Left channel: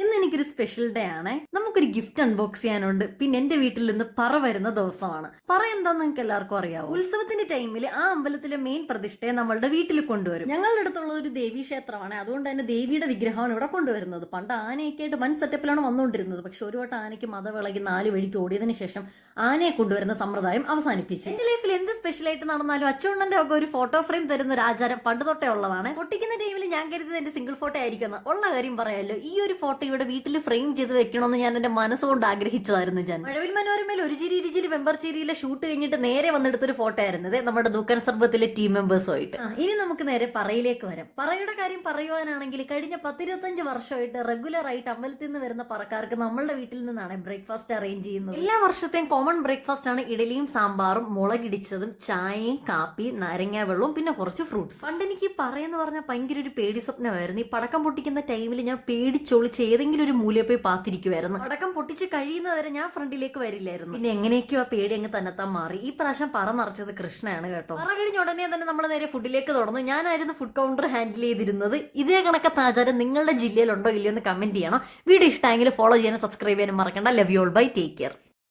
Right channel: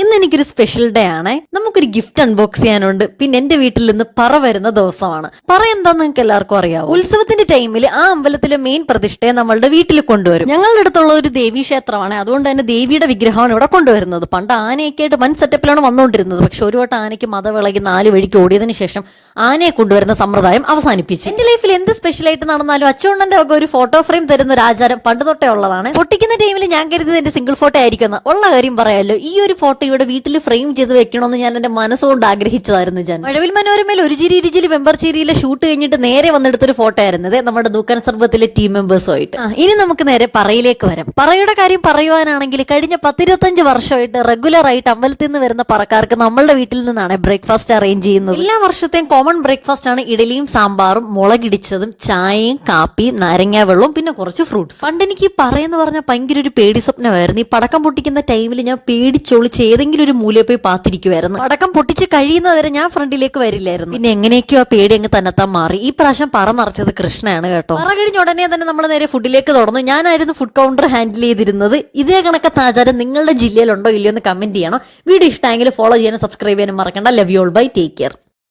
ഇന്ന് എനിക്കൊരു special day ആണ്. നമുക്കൊരു ഗിഫ്റ്റ് അൺബോക്സ് ചെയ്യാനുണ്ട്. പിന്നെ എന്റെ വീട്ടിൽ നിന്ന് പറ വരുന്ന ദിവസമാണ്. പറ എന്താന്ന് നിങ്ങൾക്ക് എല്ലാവർക്കും അറിയാം. ഉത്സവത്തിന്റെ ടൈമിൽ ആ അമ്പലത്തിലെ മെയിൻ പ്രതിഷ്ഠയെ നമ്മളുടെ വീട്ടിൽ കൊണ്ടുവരും. ഞങ്ങളുടെ അടുത്തുള്ള ഒരു ദേവീ ക്ഷേത്രമാണ്, അതുകൊണ്ട് തന്നെ ദേവിയുടെ വിഗ്രഹമാണ് ഇവിടെ കൊണ്ടുവരുന്നത്. പണ്ട് ആനയൊക്കെ ആയിട്ട് വൻ സെറ്റപ്പിലാണ് വന്നുകൊണ്ടിരുന്നത്. പക്ഷെ ഒരു വട്ടം ആനയ്ക്ക് മതവിളകി 4 വഴിക്ക് ഓടിയതിനു ശേഷം ആനയെ കൊണ്ടുവരുന്ന സമ്പ്രദായം അവസാനിപ്പിച്ചു. എന്റെ ലൈഫിൽ എന്ത് സ്പെഷ്യൽ ആയിട്ട് നടന്നാലും അച്ചുണ്ണന്റെ ഒക്കെ ഒരു ഫോട്ടോ ഫ്രെയിം തരുന്ന ഒരു ആചാരം പണ്ട് തൊട്ടേ ഉള്ളതാണ്. പൊട്ടിക്കുന്ന ടൈമിൽ ഞാൻ കരുതിയത് എന്റെ സിംഗിൾ ഫോട്ടോ ആയിരിക്കും. ഉള്ള കാര്യം പറയാമല്ലോ, ഈ ഒരു ഫോട്ടോ ഇവിടെ വീട്ടിൽ ഫ്രെയിം ചെയ്ത് വെക്കണമെന്ന് ഞാൻ എന്റെ മനസ്സുകൊണ്ട് ആഗ്രഹിച്ചതായിരുന്നു. ഞാൻ മഴവിൽ മനോരമയിൽ ഒരു ചിരി ഇരുചിരി വെമ്പർചേരിയിലെ ഷൂട്ട് കഴിഞ്ഞിട്ട് നേരെ വന്നെടുത്തൊരു ഫോട്ടോ ആയിരുന്നത് നമ്മുടെ ദൂക്കൻ സർബത്തിലെ ടീം മെമ്പേഴ്സുമായിട്ട്. ഇനി നമുക്ക് നേരെ പറയിലേക്ക് വരാം. പറയുടെ കാര്യം പറയുവാനാണെങ്കിൽ കഴിഞ്ഞ 10-25 വർഷമായിട്ട് റെഗുലർ ആയിട്ട് അമ്പലത്തിൽ നിന്ന് വരുന്ന പറക്കാർക്ക് നമ്മളുടെ വീട്ടിൽ നിന്നാണ് ബ്രേക്ക്ഫാസ്റ്റ് അറേഞ്ച് ചെയ്യുന്നത്. എല്ലാ വർഷത്തെയും കോമൺ ബ്രേക്ക്ഫാസ്റ്റ് ആണ് ഇഡലിയും സാമ്പാറും മുളകിടിച്ചതും ചായയും കാപ്പിയും നാരങ്ങാ വെള്ളവും പിന്നെ കുറച്ച് ഫ്രൂട്ട്സ്. പണ്ട് എനിക്ക് പറയുന്ന പറഞ്ഞാൽ ഭയങ്കര ഒരു പേടി സ്വപ്നമായിരുന്നു. ഈ പടക്കം പൊട്ടിക്കുന്ന ടൈമിൽ ഞാൻ പേടിച്ചൊളിച്ച് ഏതെങ്കിലും ഒരു മൂലയിൽ പോയി പാത്തിരിക്കുമായിരുന്നു. പടക്കം പൊട്ടിച്ച് കഴിയുന്നവരെ ഞാൻ ഫ്രണ്ടിലേക്ക് വരില്ലായിരുന്നു. പിന്നെ എങ്ങനെയൊക്കെയോ ആ പേടി അങ്ങ് തന്നെത്താൻ മാറി. ഈ പ്രാവശ്യം പറ നിറച്ചത് കൃഷ്ണയാണ് കേട്ടോ. പറ കഴിഞ്ഞ ഉടനെ തന്നെ നമ്മൾ നേരെ ഫുഡിലേക്ക് തുടർന്നു. ഞാനായിരുന്നു ഫുഡ് കൗണ്ടർ ഹാൻഡിൽ ചെയ്തിരുന്നത്. ഇതേ കണക്കത്തെ ആചാരം നിങ്ങളുടെ ജില്ലയിലുണ്ടോ ഇല്ലയോ എന്ന് കമന്റ് ചെയ്യണം. വീഡിയോ ഇഷ്ടമെങ്കിൽ ഫോളോ ചെയ്യാനും സബ്സ്ക്രൈബ് ചെയ്യാനും മറക്കണ്ട. Love you all, bye, take care.